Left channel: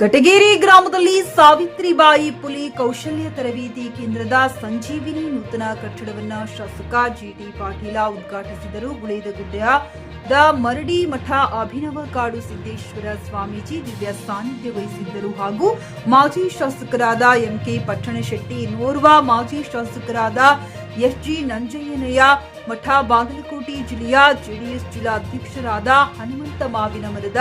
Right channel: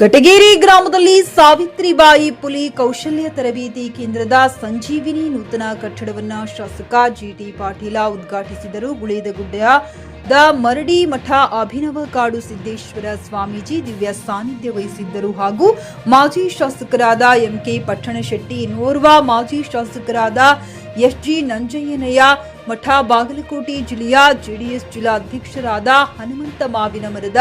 ಕಟಗೇರಿ ಗ್ರಾಮದಲ್ಲಿ ಸಾವಿತ್ರಿಬಾಯಿ ಪುಲಿ ಕೌಶಲ್ಯ ತರಬೇತಿ ಕೇಂದ್ರದ ಸಂಜೀವಿನಿ ನೂತನ ಕಟ್ಟಡವನ್ನು ಶಾಸಕ ಜಿಟಿ ಪಾಟೀಲ ಉದ್ಘಾಟಿಸಿದರು. ಗುಳೇದಗುಡ್ಡದ ಮರಡಿ ಮಠ ಅಭಿನವ ಕಾಡು ಸಿದ್ದೇಶ್ವರ ಸ್ವಾಮೀಜಿ ದಿವ್ಯ ಸಾನ್ನಿಧ್ಯ ವಹಿಸಿದ್ದರು. ಹಾಗೂ ಮಾಜಿ ಶಾಸಕರಾದ ಎಂಕೆ ಪಟ್ಟಣಶೆಟ್ಟಿ, ಇನ್ನೋರ್ವ ಮಾಜಿ ಶಾಸಕರಾದ ಎಸ್ಜಿ ನಂಜಯ್ಯನಯ್ಯ ಮಠ, ಬಾಗಲಕೋಟೆ ಜಿಲ್ಲೆಯ ಜೆಡಿಎಸ್ ಜಿಲ್ಲಾಧ್ಯಕ್ಷರಾದ ಹನುಮಂತ ಮಾವಿನ ಮರದ,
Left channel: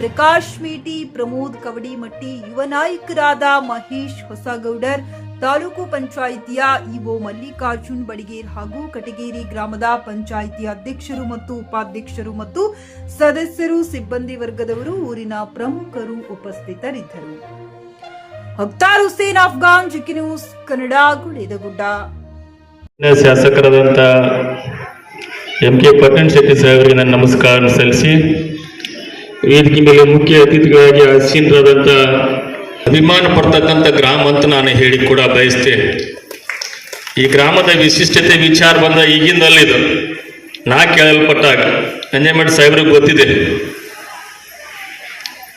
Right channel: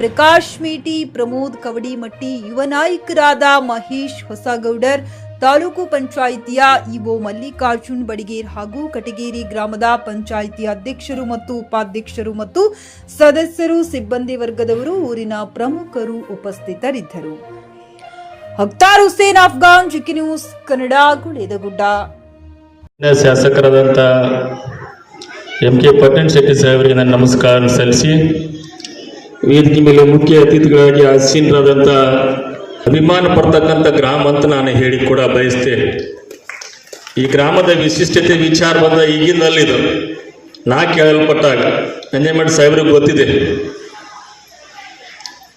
ಪ್ರಕಾಶ್ ಮೇಟಿ, ಪ್ರಮೋದ್ ಕವಡಿಮಟ್ಟಿ, ಯುವ ನಾಯಕರಾದ ಮಹೇಶ್ ಹೊಸಗೌಡರ್, ತಾಲೂಕು ಪಂಚಾಯಿತಿಯ ಇಒ ಮಲ್ಲಿಕಾರ್ಜುನ್ ಬಡಿಗೇರ್ ಹಾಗೂ ಕಟಗೇರಿ ಗ್ರಾಮದ ಪಂಚಾಯಿತಿ ಅಧ್ಯಕ್ಷರು ಮತ್ತು ಉಪಾಧ್ಯಕ್ಷರು ಮತ್ತು ಸದಸ್ಯರು, ಸಿಬ್ಬಂದಿ ವರ್ಗದವರು, ಊರಿನ ಪ್ರಮುಖರು ಉಪಸ್ಥಿತರಿದ್ದರು. Akhtar Hussain Afghan, GK news Kannada, Guledagudda. ಶಾಸಕರಾದಂಥ ಎಂಕೆ ಪಟ್ಟಣಶೆಟ್ಟಿ ಸಾಹೇಬರಿಗೆ ನನ್ನ ನಮಸ್ಕಾರ ಸಲ್ಲಿಸಿ, ವೇದಿಕೆ ಮೇಲೆ ಮುಖ್ಯ ಅತಿಥಿಗಳಾಗಿ ಆಸೀನರಾದಂಥ ಅಭಿಮಾನ ಪಡ್ತಕ್ಕಂಥ ಗ್ರಾಮ ಅಂತ ನಾನು ಹೇಳಿ ಕೂಡ ಬಯಸ್ತೇನೆ. ಈ ಗ್ರಾಮದ ವಿಶಿಷ್ಟತೆ ವಿಚಾರ ಬಂದ ಈಗಿಂದಲ್ಲಿದು ನಾ ಕೇಳಲ್ಪಟ್ಟಾಗ ನಂಜೇಮಠ ಸಾಹೇಬ್ರಿಗೆ ಗೊತ್ತಿದೆ.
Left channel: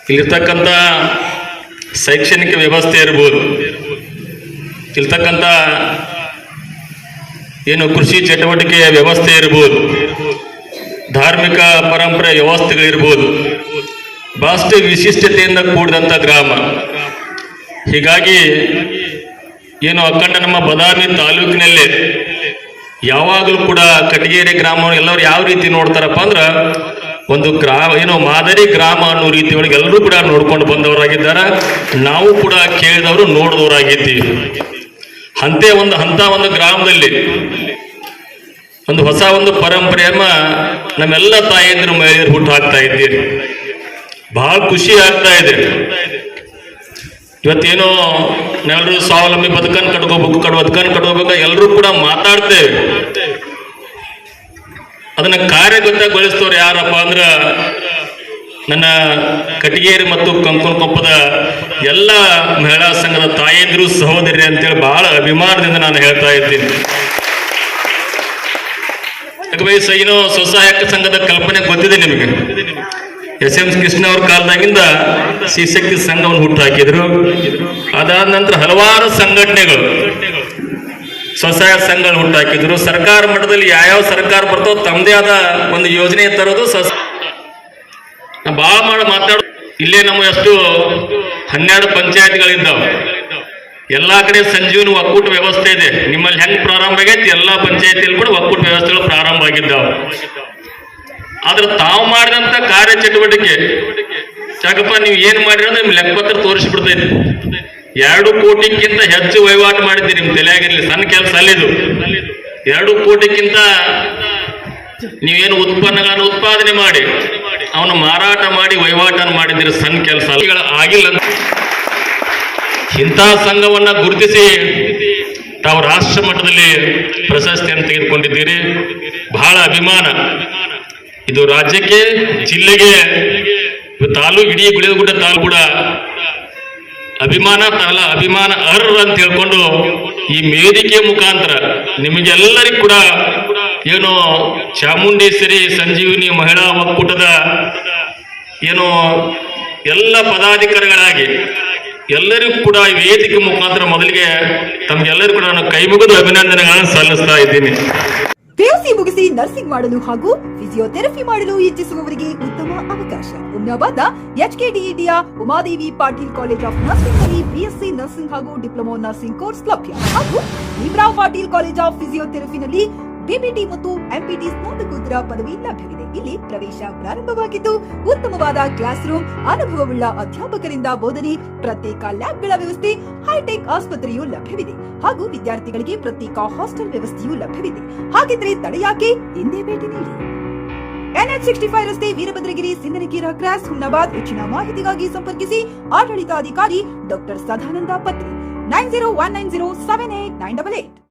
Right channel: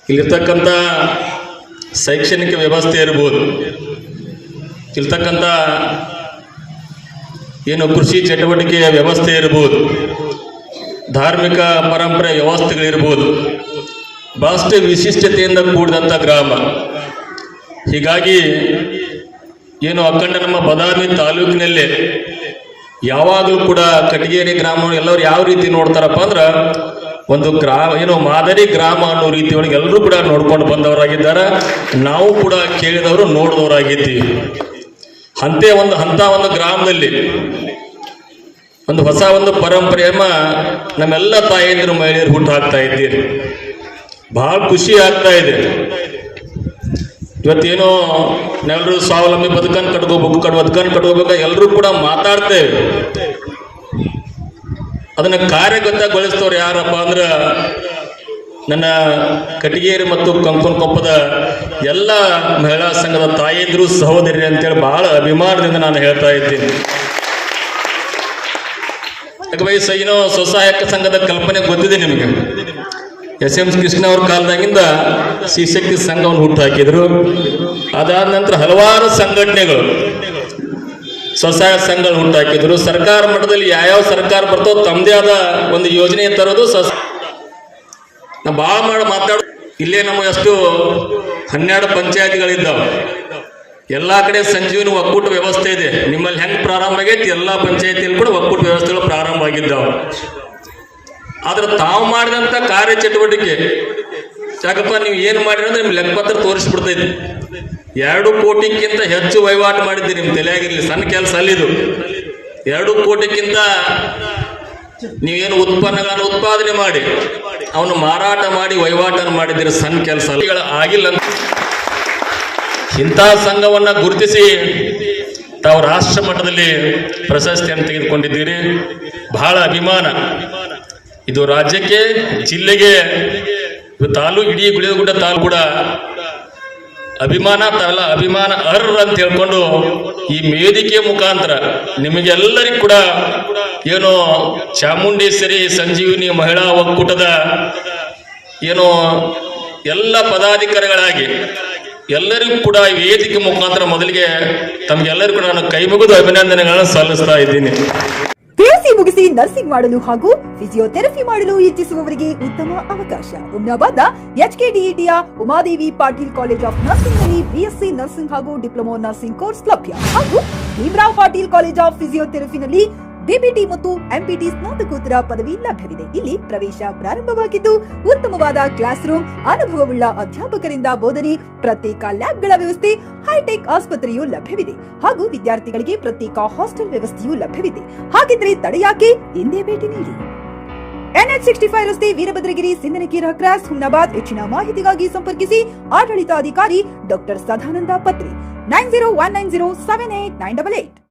ಇಲ್ಲಿರ್ತಕ್ಕಂಥ ಶೈಕ್ಷಣಿಕ ವ್ಯವಸ್ಥೆ ಇರ್ಬೋದು, ಇಲ್ಲಿರ್ತಕ್ಕಂಥ ಏನು ಕೃಷಿ ಚಟುವಟಿಕೆಯ ವ್ಯವಸ್ಥೆ ಇರ್ಬೋದು, ಧಾರ್ಮಿಕ ಪರಂಪರೆ ವ್ಯವಸ್ಥೆಗಳಿರ್ಬೋದು, ಬಹಳಷ್ಟು ವಿಶಿಷ್ಟತೆಯಿಂದ ಕೂಡಿದಂಥ ಗ್ರಾಮ. ಹೀಗಾಗಿ ಏನು ಅಖಂಡ ನಮ್ಮ ಬದಾಮಿ ತಾಲೂಕಿನಲ್ಲೇ ಯಾವಾಗಲೂ ಕೂಡ ಕಟಗೇರಿ ಗ್ರಾಮ ಎಲ್ಲರೂ ಯಾವ ರೀತಿ ನೋಡ್ತಾರಪ್ಪ ಅಂದ್ರೆ ಒಂದು ಏನು ಮಾದರಿ ಗ್ರಾಮ ಅನ್ನೋ ರೀತಿ ಒಳಗೆ ಎಲ್ಲರೂ ಕೂಡ ನೋಡ್ಕೊಂಡು ಬಂದವರಾಗಿದ್ದಾರೆ. ನಾವು ಕೂಡ ಕೇಳಿದವರು ನೋಡಿದವರಾಗಿದ್ದೀವಿ. ಅಂತ ಒಂದು ಗ್ರಾಮದಲ್ಲಿ ಒಂದು ಹೊಸ ಒಂದು ಪರಂಪರೆಯನ್ನ ನಮ್ಮೆಲ್ಲ ತಾಯಂದಿರು ಮಹಿಳೆಯರು ಹುಟ್ಟು ಹಾಕ್ತಾ ಇದ್ದೀರಿ. ಬಹಳ ಖುಷಿ ಆಗ್ತಾ ಇದೆ. ಇವತ್ತೇನೋ ನಾವೆಲ್ಲರೂ ಸ್ವಾವಲಂಬಿ ಬದುಕನ್ನು ಕಟ್ಕೋಬೇಕು ಎಲ್ಲರೂ ಕೂಡ ಮಾತಾಡ್ತೇವೆ. ಅದನ್ನ ಕಾರ್ಯಗತಗೊಳಿಸ್ತವ್ರು ಯಾರಪ್ಪ ಅಂದ್ರ ನನ್ನ ಕಟಗೇರಿ ಮತ್ತು ಕಂಕನಕೊಪ್ಪದ ಎಲ್ಲ ಮಹಿಳಾ ಸಂಘದ ತಾಯಂದಿರು, ಸಹೋದರಿ ಅಂತೇಳಿ ಬಹಳ ಅಭಿಮಾನದಿಂದ ನಾನು ಹೇಳ್ತಾ ಇದ್ದೀನಿ. ಏನೋ ಸ್ವಸಹಾಯಕ ಸಂಘದ ಕಲ್ಪನೆ ಗೊತ್ತಿದೆ ನಿಮಗೆ. ಎಸ್.ಎಂ. ಕೃಷ್ಣ ಅವ್ರ ಕಾಲದಾಗಿಂದ ಶಿಶಕ್ತಿ ಸಂಘವನ್ನು ಹುಟ್ಟು ಹಾಕಿದ್ರು. ಅದಾದ ನಂತರ ಹಲವಾರು ಸಂಘಟನೆಗಳು ಸ್ವಸಹಾಯ ಸಂಘಗಳು ಹುಟ್ಟು ಹಾಕಿದ್ರು. ಸರ್ಕಾರ ಮಟ್ಟದಲ್ಲಿ ಯಾವ್ಯಾವ ಸರ್ಕಾರ ಬರ್ತೋ ತಮ್ಮದೇ ಆದ ಒಂದು ಯೋಜನೆ ತರೋದು ನಾ ಭಾಳ ಮಾತಾಡೋ. ಇಲ್ಲೇ ನಮ್ಮ ಎಷ್ಟು 12 ಪಂಚಾಯತ್ಗಳಿದ್ದಾವೆ. ಎಲ್ಲಾ ಕಡೆ ಸಂಜೀವನಿ ಒಕ್ಕೂಟ ವ್ಯವಸ್ಥೆ ಇದೆ. ನಿಮ್ಮಲ್ಲಿ ಹೆಂಗ್ ಪ್ರಾರಂಭ ಆಗೈತಿ ಎಲ್ಲಾ ಪಂಚಾಯತಿಯಲ್ಲಿ ಕೂಡ ಒಕ್ಕೂಟ ವ್ಯವಸ್ಥೆಗಳು ಪ್ರಾರಂಭ ಆಗಿದ್ದಾವೆ. ಆದ್ರೆ ತಾವು ಮಾಡಿದಂತ ಕಾರ್ಯ ಚಟುವಟಿಕೆ ಯಾಕಪ್ಪ ನೀವು ಏನ್ ಮಾಡಿದ್ರೆ ನಿಮ್ ಲೆಕ್ಕಪತ್ರ ತೋರಿಸ್ಬಿಡ್ತೈತಿ. 2 ಕೋಟಿಗಿಂತ ಹೆಚ್ಚು ವಹಿವಾಟು ಮಾಡಿದ್ದೀರಿ. ನಿಮ್ ತಲೆಯಾಗಿರ್ಲಿ, ಸಣ್ಣ ಕೆಲಸ ಅಲ್ಲಿದು. 2 ಕೋಟಿಗಿಂತ ನೀವೇನು ಉತ್ಪನ್ನಗಳನ್ನು ಉತ್ಪಾದನೆ ಮಾಡಿ ಅವನು ಮಾರಾಟ ಮಾಡಿ ವಹಿವಾಟನ್ನು ಮಾಡಿದ್ದೀರಿ, ಸಣ್ಣ ಕೆಲಸ ಆಗಿಲ್ಲ. ಇಂತಹ ಸಂಘವನ್ನ ಗುರುತಿಸಿ ತಾವು ರಾಷ್ಟ್ರ ಮಟ್ಟದಲ್ಲಿ ಪ್ರಶಸ್ತಿಯನ್ನು ತೆಗೆದುಕೊಂಡಿದ್ದೀರಿ. ಬಹಳ ಅಭಿಮಾನ ಇದು ರಾಜ್ಯಕ್ಕೆ, ಜಿಲ್ಲೆಗೆ, ತಾಲೂಕು, ಇಡೀ ಗುಳೇದಗುಡ್ಡ ತಾಲೂಕು ಕೂಡ ಅಭಿಮಾನ ಅರ್ಹ ಅಂತ ಹೇಳ್ಕೊಂಡು ಈ ವೇದಿಕೆ ಮುಖಾಂತರ ನಿಮಗೆಲ್ಲರಿಗೂ ಕೂಡ ಏನು ಚಾಮುಂಡೇಶ್ವರಿ ಸಂಜೀವಿನಿ ಮಹಿಳಾ ಒಕ್ಕೂಟದ ಏನು ಎಲ್ಲ ಪದಾಧಿಕಾರಿಗಳಾಗಿ ಎಲ್ಲರಿಗೂ ಕೂಡ ಈ ವೇದಿಕೆ ಮುಖಾಂತರ ಮೊದಲಿಗೆ ತಮಗೆಲ್ಲರಿಗೂ ಕೂಡ ನಾನು ಕೈ ಮುಗಿದು ಅಭಿನಂದನೆಗಳನ್ನು ಸಲ್ಲಿಸ್ತಾ ಇದ್ದೀನಿ. ಪಿಯುಸಿ ಮುಗಿಸಿ ನರ್ಸಿಂಗ್ ಮಾಡಲು ಹಾಗೂ ಫಿಸಿಯೋಥೆರಪಿ ಮಾಡಲು ಇಚ್ಛಿಸುವವರಿಗೆ ಉತ್ತಮ ಅವಕಾಶ. ಹುಮ್ನಾಬಾದ್ನ ಎಚ್ಕೆಡಿಇಟಿಯ Umadevi Patil college of nursing ನಲ್ಲಿ ಬಿಎಸ್ಸಿ ನರ್ಸಿಂಗ್ ಹಾಗೂ ಡಿಪ್ಲೊಮಾ ನರ್ಸಿಂಗ್ ಕೋರ್ಸ್ ಲಭ್ಯ. ಹಾಗೂ ಭೀಮರಾವ್ ಪಾಟೀಲ್ ಕಾಲೇಜ್ ಆಫ್ ಫಿಸಿಯೋಥೆರಪಿನಲ್ಲಿ ಬಿಪಿಟಿ ಮತ್ತು ಎಂಪಿಟಿ ಸ್ನಾತಕೋತ್ತರ ಪದವಿ ಲಭ್ಯವಿದೆ. ಇಲ್ಲಿ ಪ್ರವೇಶ ಪ್ರಾರಂಭವಾಗಿದ್ದು ಉತ್ತಮವಾದ ಕ್ಲಾಸ್ ರೂಮ್, ಅನುಭವವುಳ್ಳ ಅಧ್ಯಾಪಕರಿಂದ ಬೋಧನೆ, ಪ್ರತ್ಯೇಕ ಲ್ಯಾಬ್ಗಳ ವ್ಯವಸ್ಥೆ, ಹೈಟೆಕ್ ಆಸ್ಪತ್ರೆಯೂ ಲಭ್ಯವಿದೆ. ಹಾಗೂ ವಿದ್ಯಾರ್ಥಿಗಳಿಗೆ ಪ್ರತ್ಯೇಕ ಹಾಸ್ಟೆಲ್ ವ್ಯವಸ್ಥೆಯೂ ಲಭ್ಯವಿದೆ. ಹಾಗಿದ್ರೆ ತಡೆಯಾಕೆ, ಹಿಂದೆ ಭೇಟಿ ನೀಡಿ. NH65 ರಸ್ತೆ, ವೀರಭದ್ರಗಿರಿ, ಸಿಂಗನಕೀರ ಕ್ರಾಸ್, ಹುಮ್ನಾಬಾದ್. ಹೆಚ್ಚಿನ ಮಾಹಿತಿಗಾಗಿ ಸಂಪರ್ಕಿಸಿ ಆಡಳಿತಾಧಿಕಾರಿ ಡಾಕ್ಟರ್ ಸದಾನಂದ ಪತ್ರಿ 9019078988.